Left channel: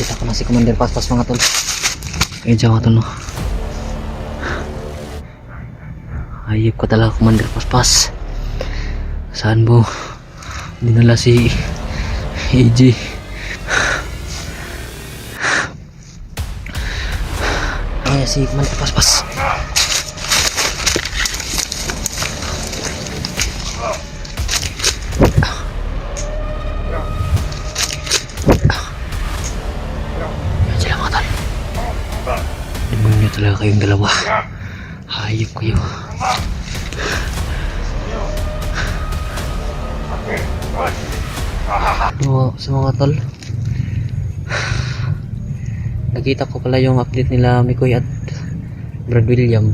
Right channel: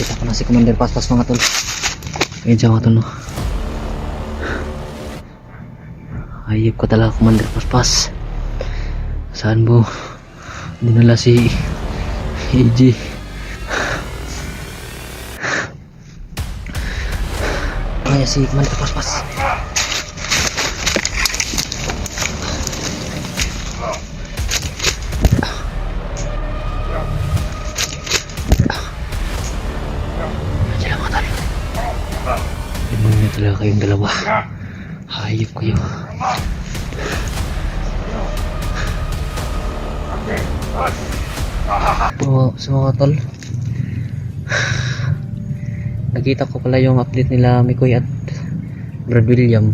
Kita ko na si Commander Paspas mga tol. Ayun siya mga tol no. Ayop ko talaga Commander Paspas. Saan mo dinala si EJ? Kaya si Commander Paspas. Sila mga tol. Demonyo talaga kayong dalawa. Hayop kayo. So mga tol, nakita ko pala yung update nila Mikoy at Brad William.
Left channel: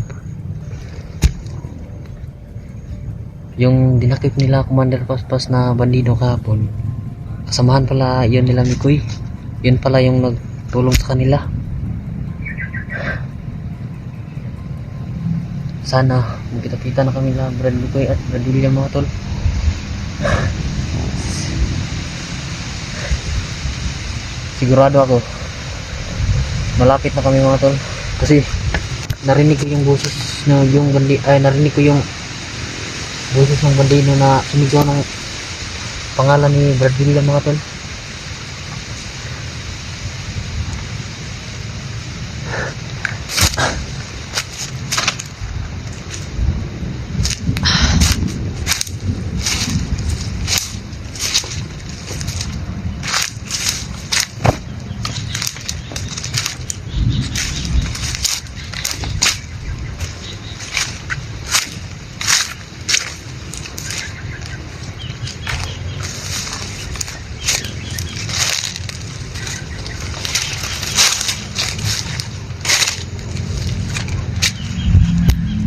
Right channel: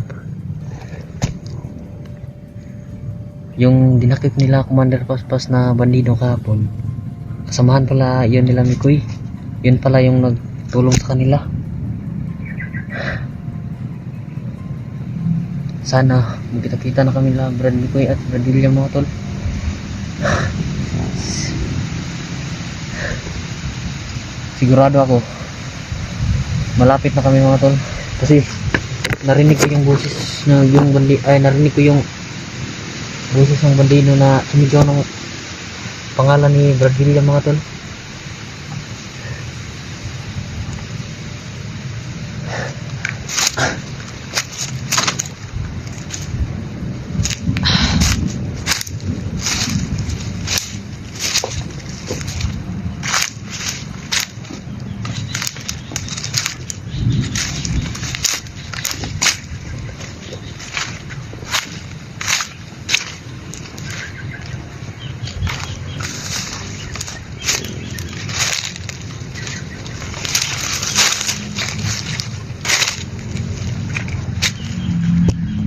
Yung dinakip nila Commander Paspas na bandido kahapon, kasamahan pala yun nila Mikoy. Yun pala yung nagtulong sa kanila. Sana magkita-kita na kami la Brad Mikoy at Brad William mga tol. Sigurado ako malapit na kami mga tol, kasi narinig ko yung boses na yung narinig ko yung boses ng bandido na sumigaw ng pangalan ni Brad William mga tol.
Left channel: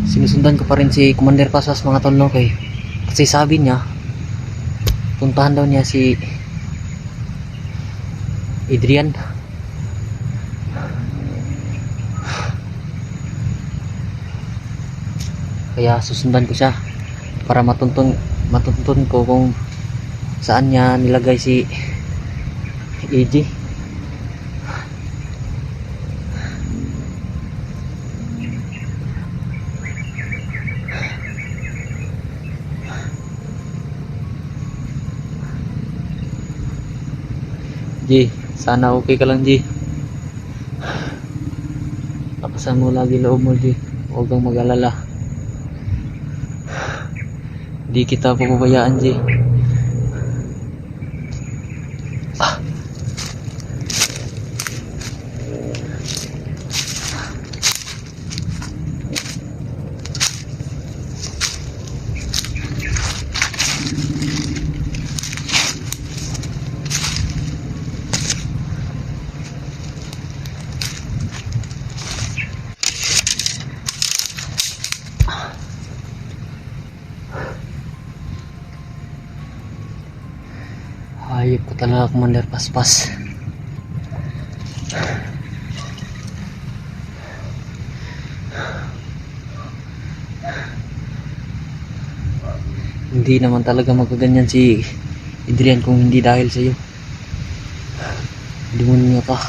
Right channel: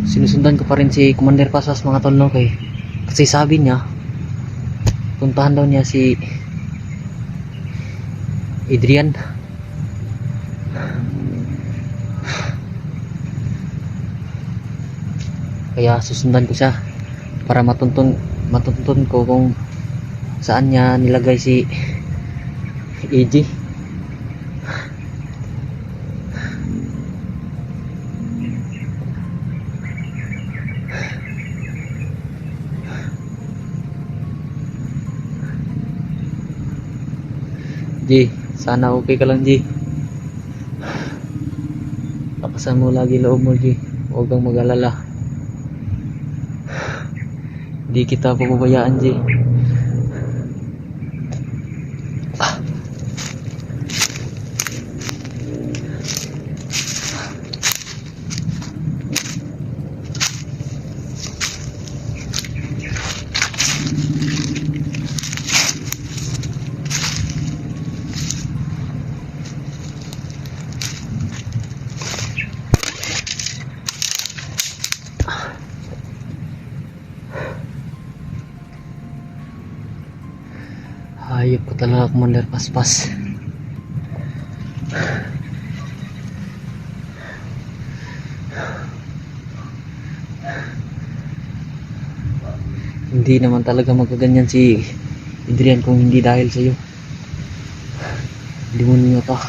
Sinusundan ko pa rin si Commander Paspas mga tol no, kasi sabi niya puntahan daw niya si Adrian. Kaya susundan ko siya para matuntun ko kung saan niya nilagay si AJ. G, sana okay ka lang G. Lakasan mo lagi loob mo G. Huwag kang mag-alala. Di kita papabayaan G. Hayop ko talaga Commander Paspas. Hindi naman talaga magaganyan si Adrian kung hindi dahil sa iyo. Demonyo ka.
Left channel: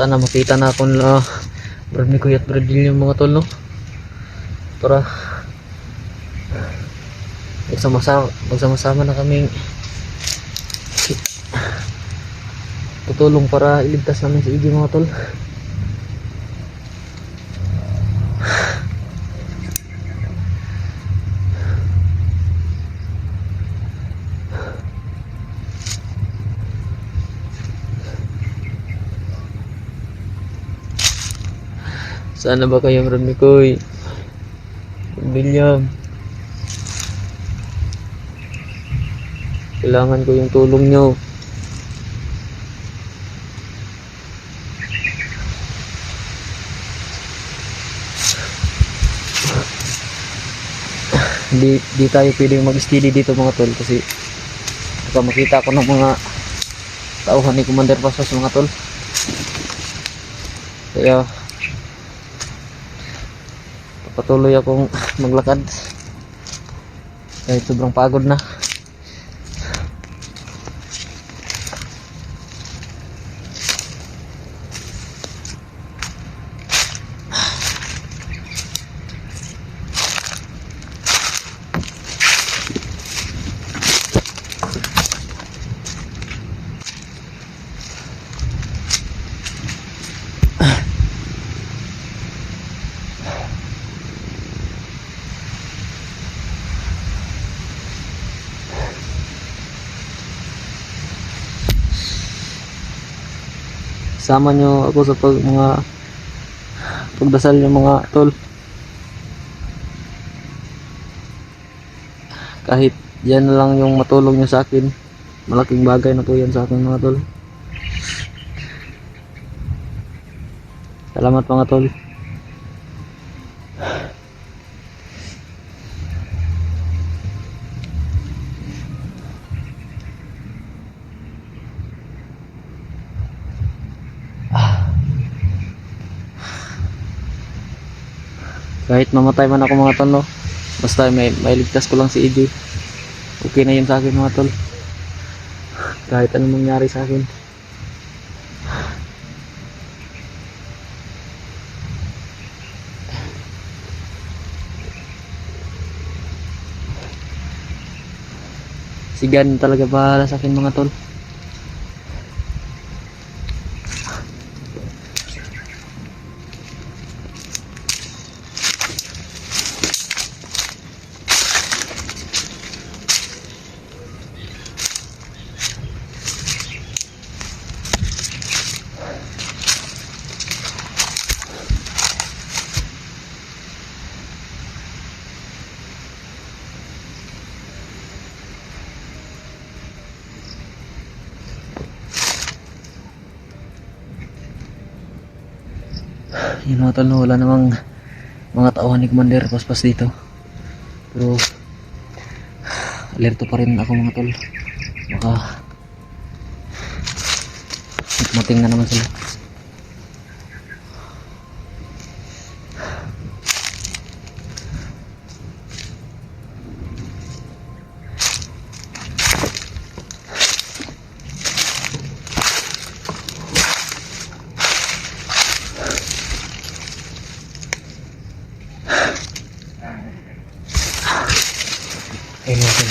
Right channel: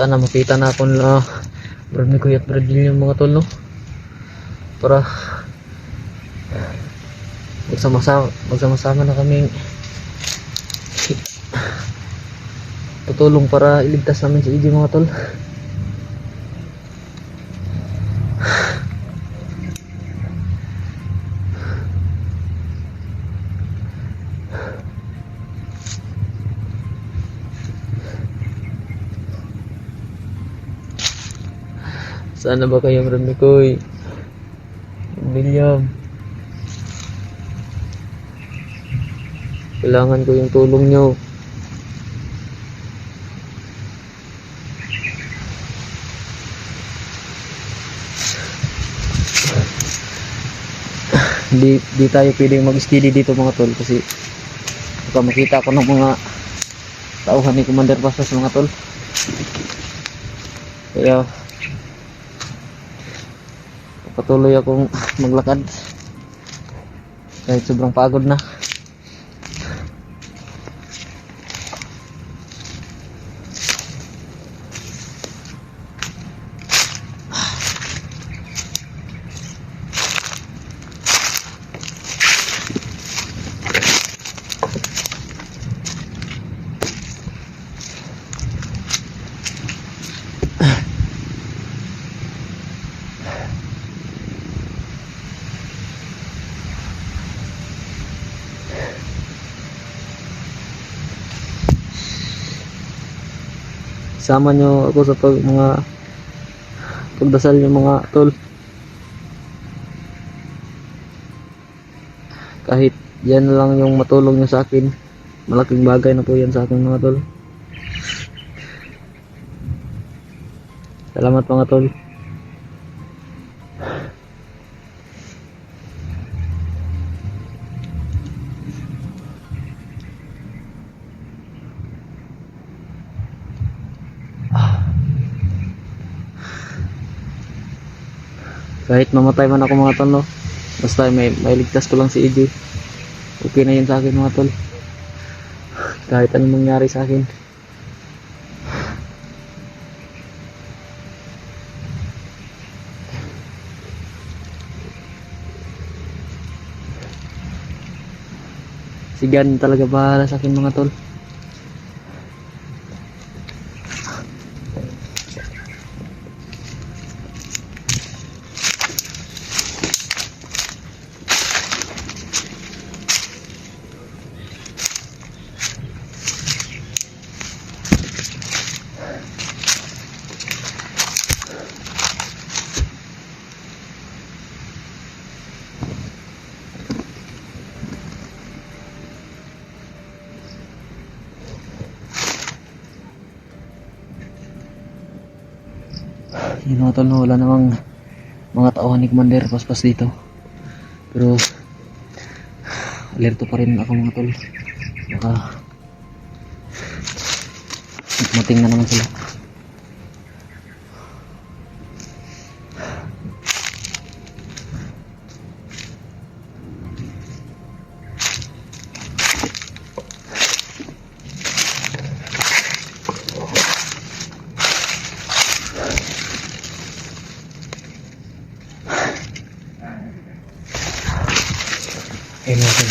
Sana makita na ako nila Brad Mikoy at Brad William mga tol no, para magsama-sama na kami tutulong para iligtas namin si EJ mga tol. Sana ba kayong Brad Mikoy, William? Kailangan ko yung tulong nyo. Di tayo pwedeng mag-steady dito mga tol, kasi baka makita ko ng mga tauhan ni Commander Paspas mga tol. Kaya patuloy akong maglakad kahit sobrang pagod na. Sama nyo ako sa pagdasal nyo mga tol. Kahit yan lang yung matulong nyo sa akin, malaking bagay na po yan sa akin mga tol. Salamat mga tol. Kahit mamatay man ako mga tol, no? Basta may ligtas ko lang si EJ, okay na yun sa akin mga tol. Kahit anong mangyari sa akin. Si God talaga bahala sa akin mga tol. Yun mga tol, wala namang mga tauhan ni Commander Paspas dito, pero alerto pa rin ako mga tol. Baka mating na naman sila. Ayun mga tol,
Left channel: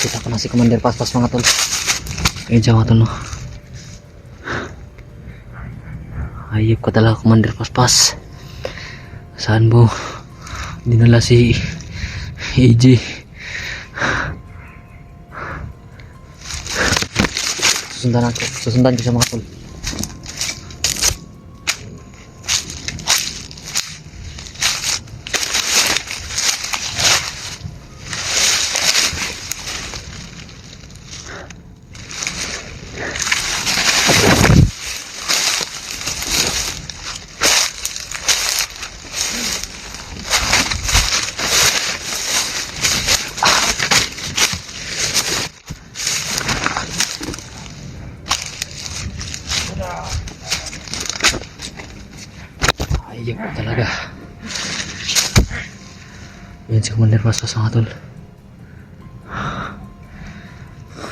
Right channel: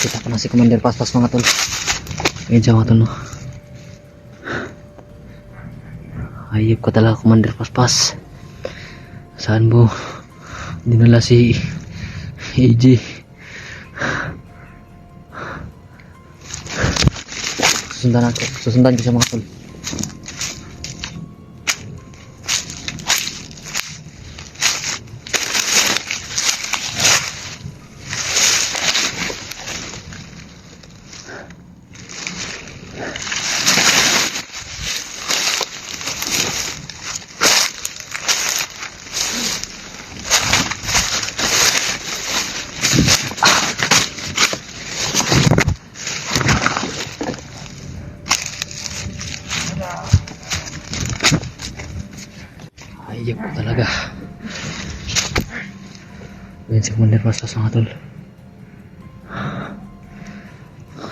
kita ko na si Commander Paspas mga tol. Ayun siya mga tol, no? Ayop ka talaga Commander Paspas. Saan mo dinala si EJ? Susundan ko siya mga tol. Ayop ko talaga. Yan si Commander Paspas mga tol.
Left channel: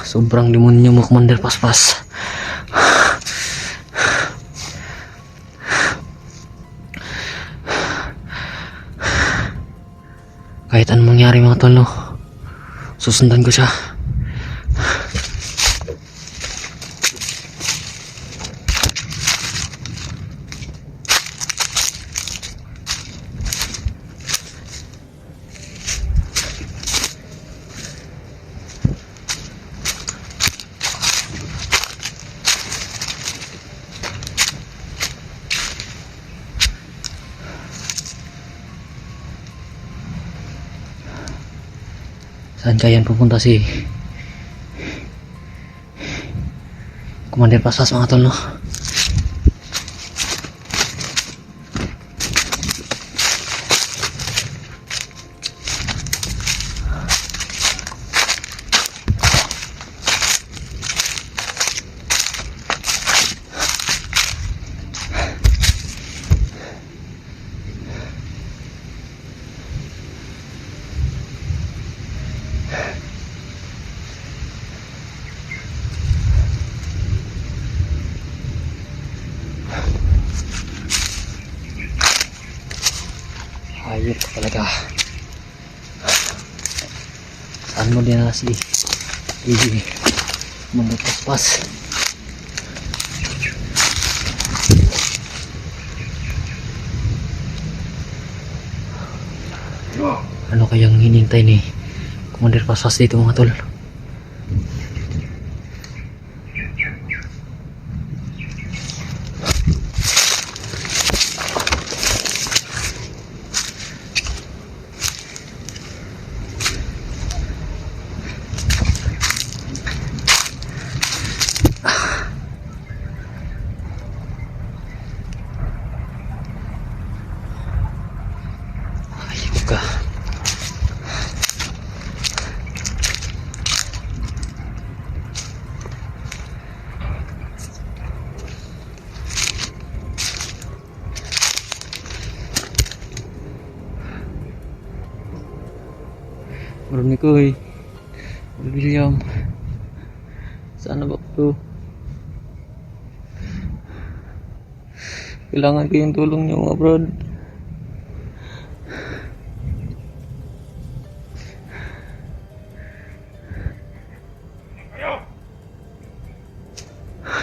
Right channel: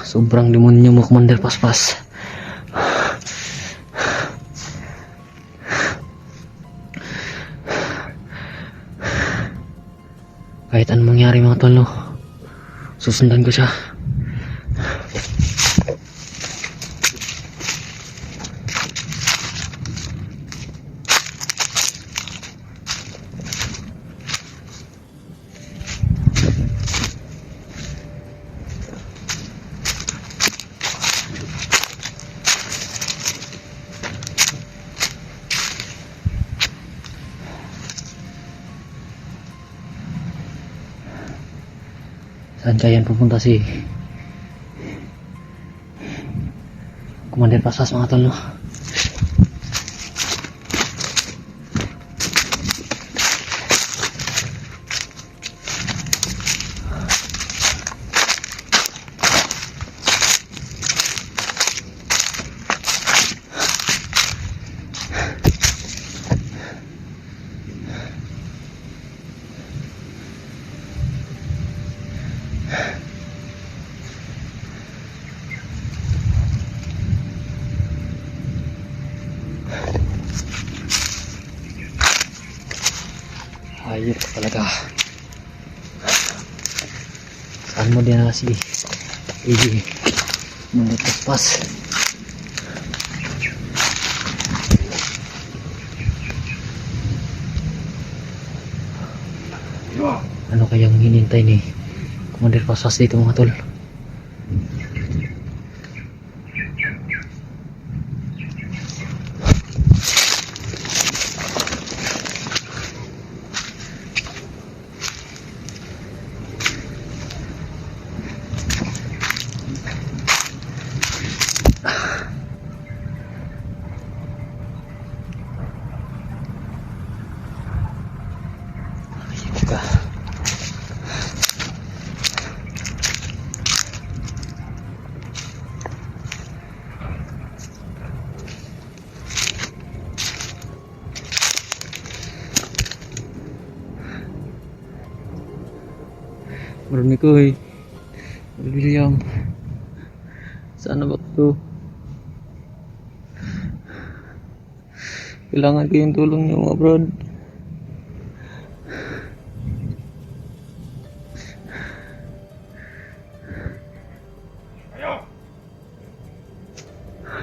Sobrang demonyo mo Commander Paspas. Kahit anong mangyari mga tol, no? Susundan ko siya. Saan kaya pupunta si Commander Paspas mga tol, no? Hayop ka talaga. Saan mo din na si AJ Commander Paspas? Ano kayang hinintay ni Commander Paspas dito mga tol? Ka. Marami ko eh. William. Sana ba ito? Kailangan ko yung tulong niyo mga brad.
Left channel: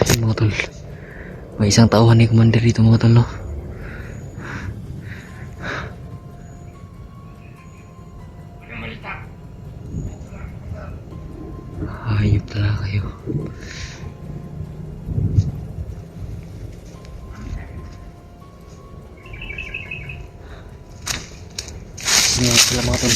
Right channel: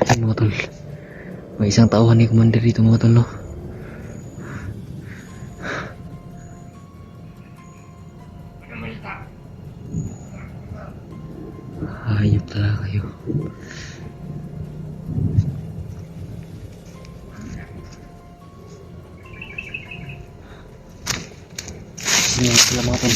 Ayun mga tol. May isang tauhan ni Commander dito mga tol, no? Hayop talaga kayo. Ngayon sila mga tol.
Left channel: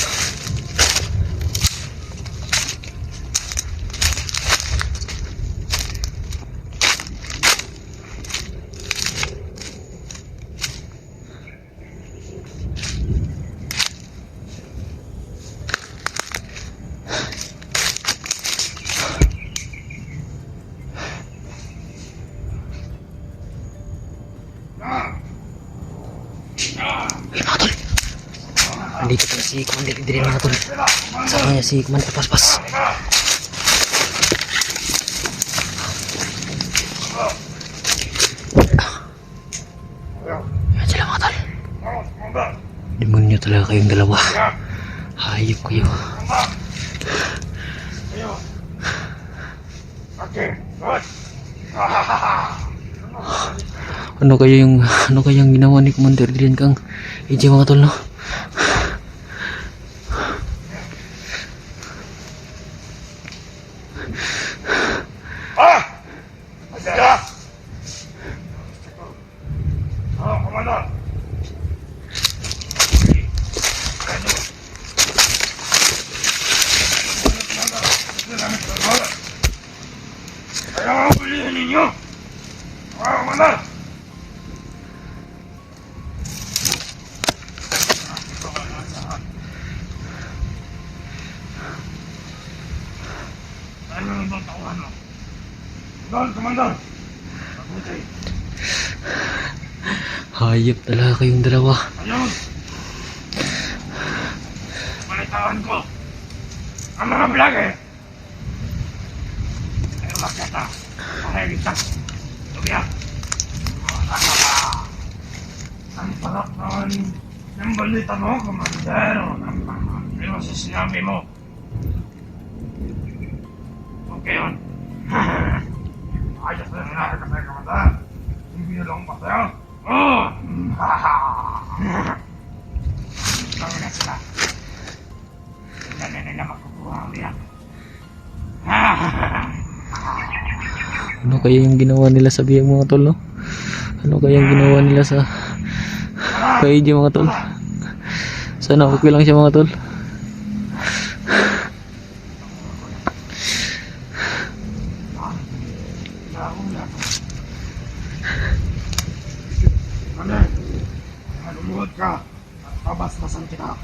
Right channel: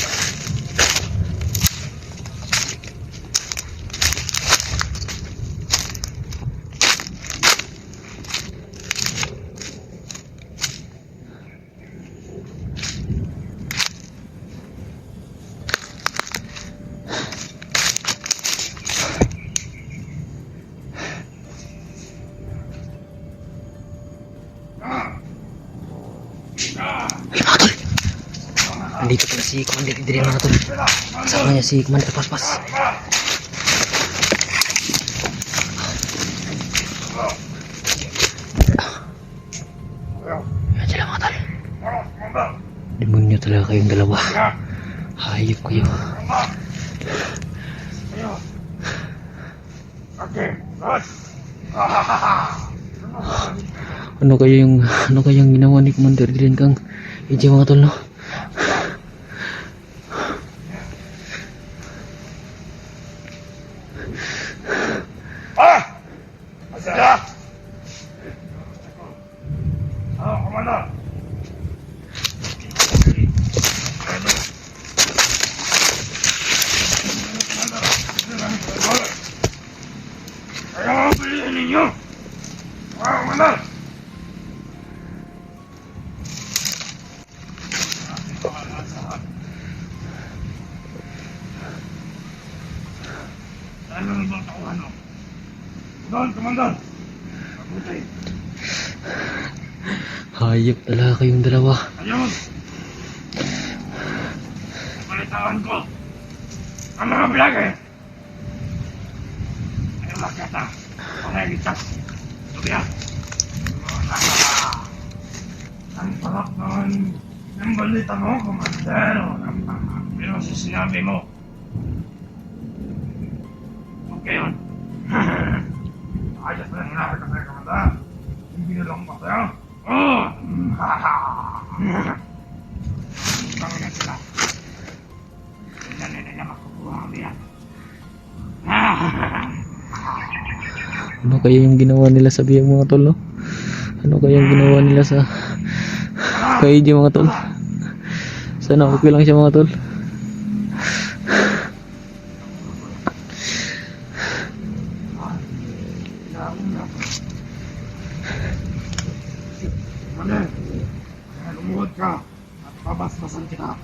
Nandito pala si Commander Idrin mga tol. Kasama niya si Commander Paspas. Yan sila mga tol. Demonyo talaga kayong dalawa. Hayop kayo. Ano kayang ginawa ni Commander Idrin kang AJ mga tol, no? Kaya piliin ninyo! Mga Commander! Ano ang ibang tauhan mo? Doon, Commander! Mabuti! Hayop talaga kayong dalawa. Ayun! Palitaan ko! Ang mga blage! Ay umakyata! Pahayagitas! Tubiyak! Ang sarap naman ng balita mo, Commander! Pero sa sinabi mo, okay yun. Ayos na yung nakakita sa'yo, Commander. Yung binulong pa sa'yo. Oh! Ikaw na sila. Hindi na nila makukuha ang biyak. Ano kaya yung ginawa nila sa biyang mga tol, no? Ano kaya yung ginawa nila sa kay AJ mga tol? Sana okay lang siya mga tol. ka at babastasan kita.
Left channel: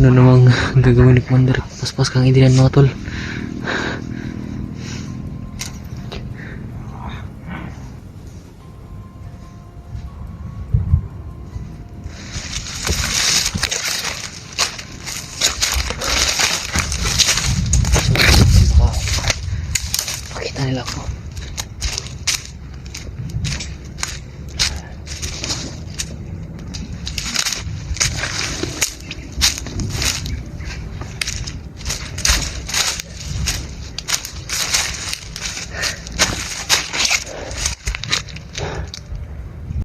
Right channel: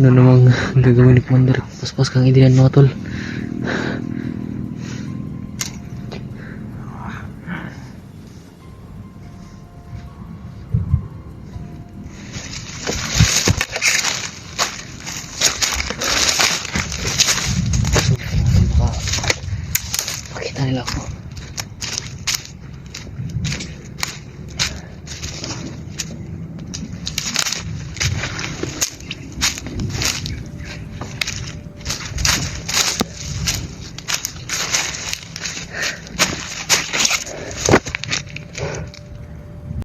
Ano namang gagawin ni Commander? Paspas kang idinan mga tol.